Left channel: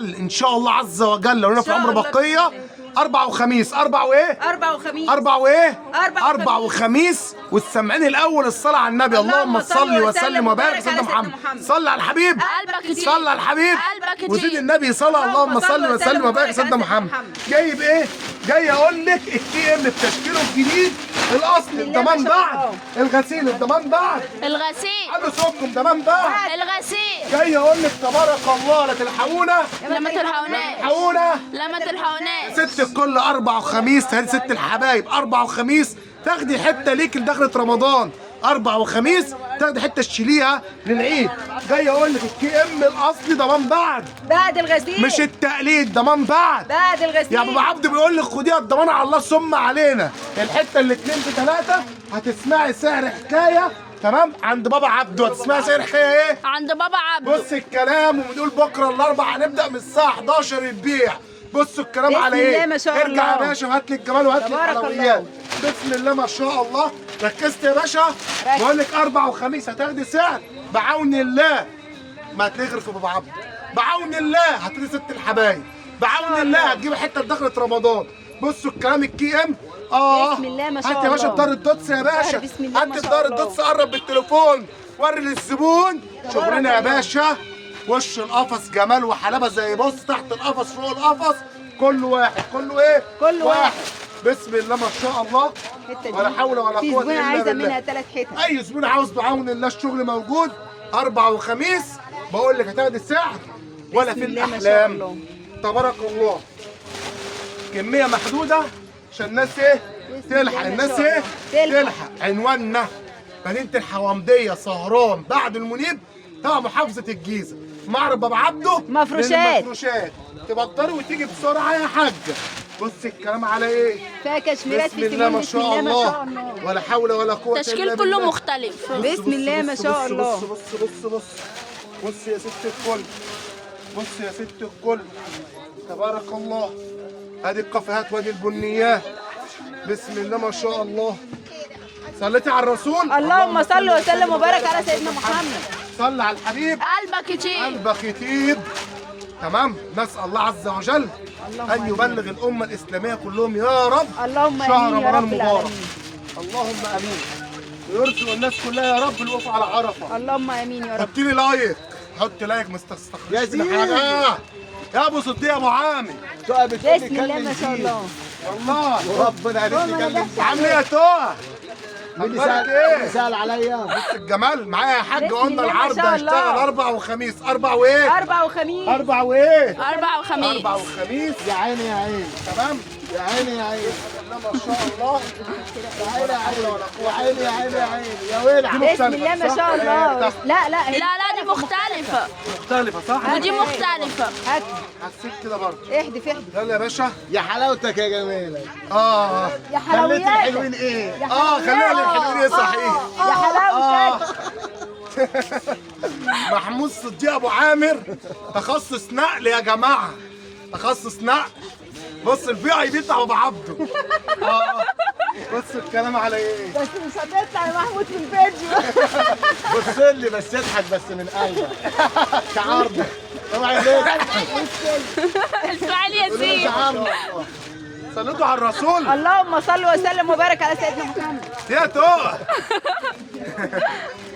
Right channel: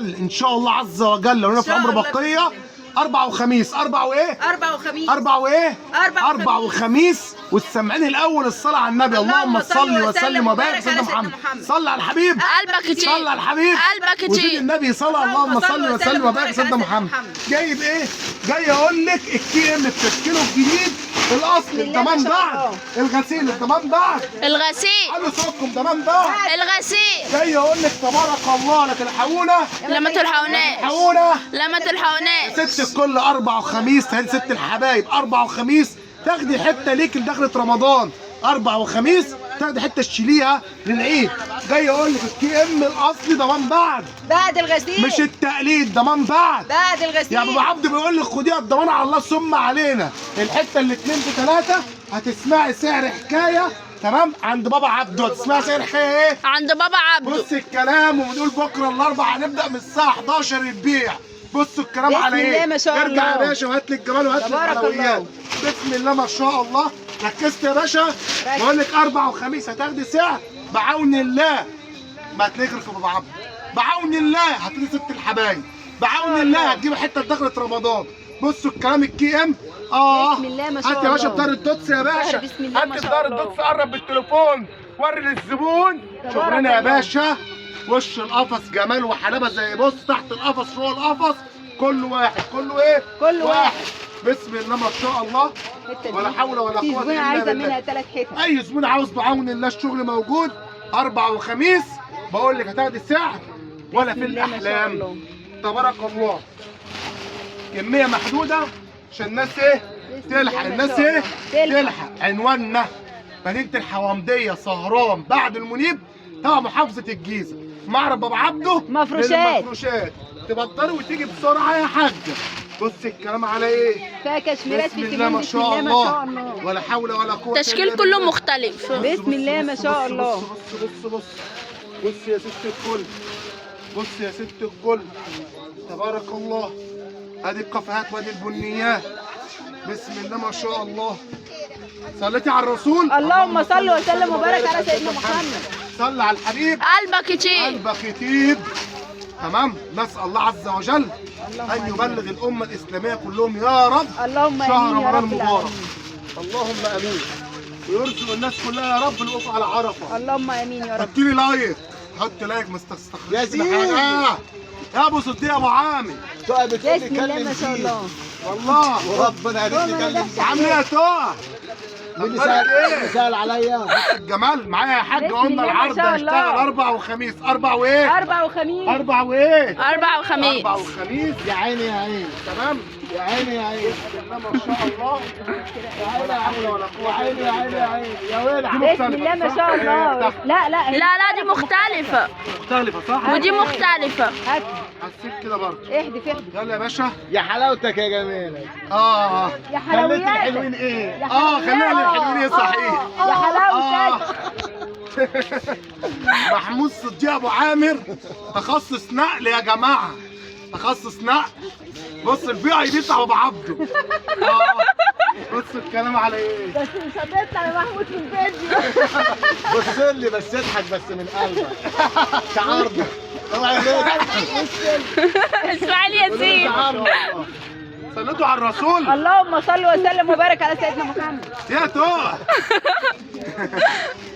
وجل ان شاء الله عز وجل لو انا في عمر بقيه اربع وخميس اربع وايه؟ اربع وايه؟ اربع وخميس. والسامعين الاول الصلاه على النبي. اللهم صل وسلم وبارك على سيدنا محمد. صل على الحبيب قلبك كتير. صل على الحبيب قلبك وزيد كتير. النبي صلى. اللهم صل وسلم وبارك على سيدنا محمد. جايب ايه؟ جاي اقول لك الكي ام بتشكيله الجديد الاصلي الضمان بعد الغسيل الضمان بعد الغسيل على صوتكم ضمان بعد الغسيل. جاي اقول لك تبارك الله لا تلحقونا لما تلحقوناش تلحقونا لما تلحقوناش. ست الكل اربع وخميس. تهدي ست الحبايب اربع وخميس تاخدي حته ليك لدخلة رمضان. اربع وخميس تاخدي حته تشيليها للعيد. جاي اقول لك الكي ام الاصلي ضمان بعد الغسيل مش التقليد ضمان بعد الغسيل. يا ابو عبد بيقول لك خديها الضمان على الله ثم علينا. الحته اللي 2 ب3 هتسمعي سعر حكايه تمام عند بابا عبده. هتسمعي سعر حكايه ايه؟ عند بابا عبده. بص الكلام وبنقول بكره الاربع هنبدا من الساعه 11 البيع. بصوا الكلام على ايه؟ بسم الله ما شاء الله. ارجع يا باشا وهات لي الجمال وهات لي تبارك الحلويات. الله. بسم الله ما شاء الله. ركزت يا باشا؟ بقول لك اربع وخميس هتاخدي سعر بعون الله ما هتغرف في بابا عبده. بعون الله هتدي ست الحبايب. بعون الله هتجيب حته دخلة رمضان. بصوا الكلام الكي ام بسم الله ما شاء الله. هات يا باشا بدار الدوتس يا باشا. بسم الله ما هات شاء بدار الله. الدوتس قرب بالتليفون وري للزبون شغلنا يا باشا. وش القفص جمال وحلاوه زي بص تحت القفص فوق القفص كله واحد. كله ايه؟ كله واحد. بسم الله ما شاء الله ولا حول ولا قوه الا بالله. عايزه منها 3 حتت. اي زبون عاوز بعون الله الشغل موجود. اربع وخميس بقول لك هتاخدي السعر ولا في الاحلام. تبارك الله. كميه محدوده عشان الناس ايه؟ تلحق. الناس ايه؟ تلحق. عنواننا مدينه الحوامديه سهران بعد المنيب تبع محافظه الجيزه. معرض بابا عبده مفروشات. تبطلي وتيجي بسرعه يا حاجه. بص الكلام على ايه؟ فيها كشميرات بسم الله ما شاء الله ولا حول ولا قوه الا تشكيل كله مختلف. بسم الله ما شاء الله. بص يا ست الكل. بص يا ست الكل تبارك الله. ادي الكافيهات وادي البنيات. بسم الله ما شاء الله. صليتي على الرسول. اللهم صل وسلم وبارك على سيدنا محمد. صل على الحبيب. قلبك كتير. قلبك يطيب. تمام. نسال الله عز وجل ان يبلغ الامه الاسلاميه كلهم يا رب اللهم شهر امين يا رمضان رب مبارك. العالمين. اللهم امين. ويرزق الناس كلها يا رب الوقوف على عرفه. اللهم امين يا رب. حط لي لايك. حط لايك مستخرجش يا زين. يا ابو صديق يا ابو عامر. تقع بتقول بسم لي الله كلم ما شاء فيه الله. والله وربنا عرف لي كلم فيه. عامل ايه يا تقع؟ مين اخبارك اللي ايه؟ سأل عليا؟ الجمال معايا يا حاج. بسم قلنا الله ما العرض شاء هيشتغل الله. اربع وخميس. اربع وايه؟ 4 وخميس. اربع وايه؟ 4 وخميس. اربع وخميس. يا عيني يا عيني تمام. يا عيني يا عيني بسم الله ما شاء الله ولا حول ولا يا قوه. عيني يا عيني يا عيني يا ولع. بسم الله ما شاء الله. لا لا لا دي مختلفة مختلفه صح؟ ودي مختلفة. هات حسيت كده برضه. احدف. يلا يا باشا. يا حلاوتك يا جميلك. اه يا خليت حلوياتك. الحلوين ايه؟ خلينا للحلوين ايه صحيح. يا حلاوتك. محمود صديق ابو عامر تخصص نقل يا جماعه. تخصص نقل. بص البيع دي بتاع ابو عبده. بص الكلام على ايه؟ بس مش هتطلع يا محمود في الفيديو. بص لي بس اضحك بس من قلبك. شعارنا. اوعى تضحك. اسماعيل ياسين. شعارنا. صليتوا على الرسول. اللهم صل وسلم وبارك على سيدنا محمد. يا توع.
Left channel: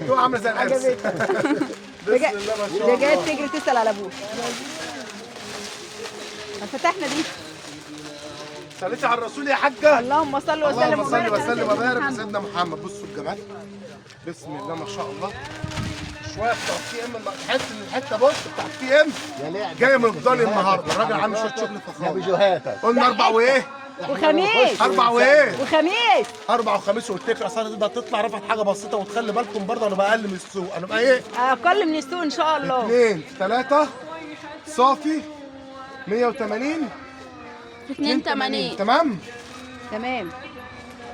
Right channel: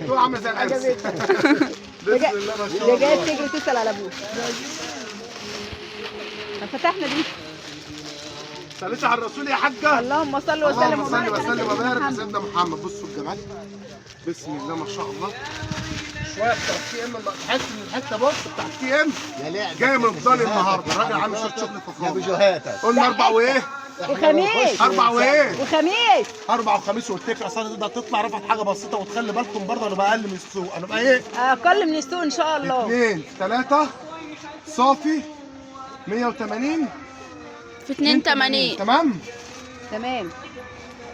توع عامله زي العرس. بسم الله ما شاء يا جاي الله. تجري تسال على ابوك. فتحنا دي. صليتوا على الرسول يا حاجه. اللهم صل وسلم اللهم صل وبارك على وسلم سيدنا وبارك على محمد. سيدنا محمد. بصوا الجمال. بسم الله ما شاء الله. شويه بتاع التي ام تحس ان الحته بص بتاع التي ام يا لعبة. جاي من الضاني النهارده. الراجل عامل شويه شغل يا فخار. بجوهاتك. قلنا اربع وايه؟ وخميس. اربع وايه؟ وخميس. اربع وخميس قلت لك اصل تقدر تطلع رفعت حاجه بسيطه وتخلي بالكم برضه انا بقى اقل من السوق. انا بقى ايه؟ اقل من السوق ان شاء الله. 2 3 صافي 180 في 82. تمام؟ تمام.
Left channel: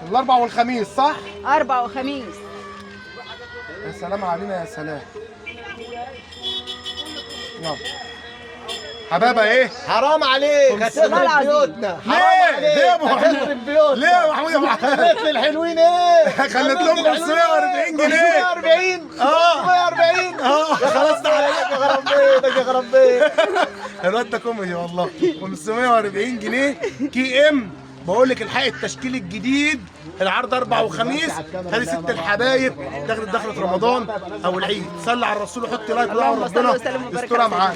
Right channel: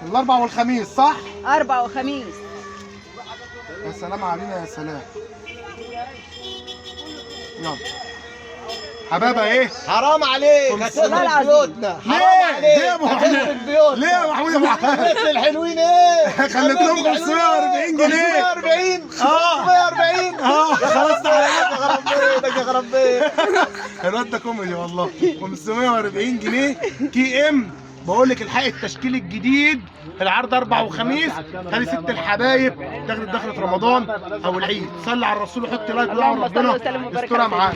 الاربع والخميس صح؟ 4 وخميس. يا سلام علينا يا سلام. يلا حبابه ايه؟ حرام عليك والله هتخرب العظيم. بيوتنا، ليه؟ حرام ليه يا عليك أبو محمود؟ هتخرب بيوتنا. ليه يا محمود يا ابو حماد؟ خليت الحلوين ايه؟ خليت لهم 540 جنيه. 540 اه. 540 اه خلاص تعالى. يا خراب بيتك يا خراب بيتك. الواد ده كوميدي والله. 540 جنيه كي ام. بقول لك الحق التشكيل الجديد، العرض اربع وخميس. هذه ست الحبايب دخلت رمضان او العيد. صلي على الرسول وحط لايك ودعوه اللهم صل ربنا وسلم وبارك يسترها على معانا.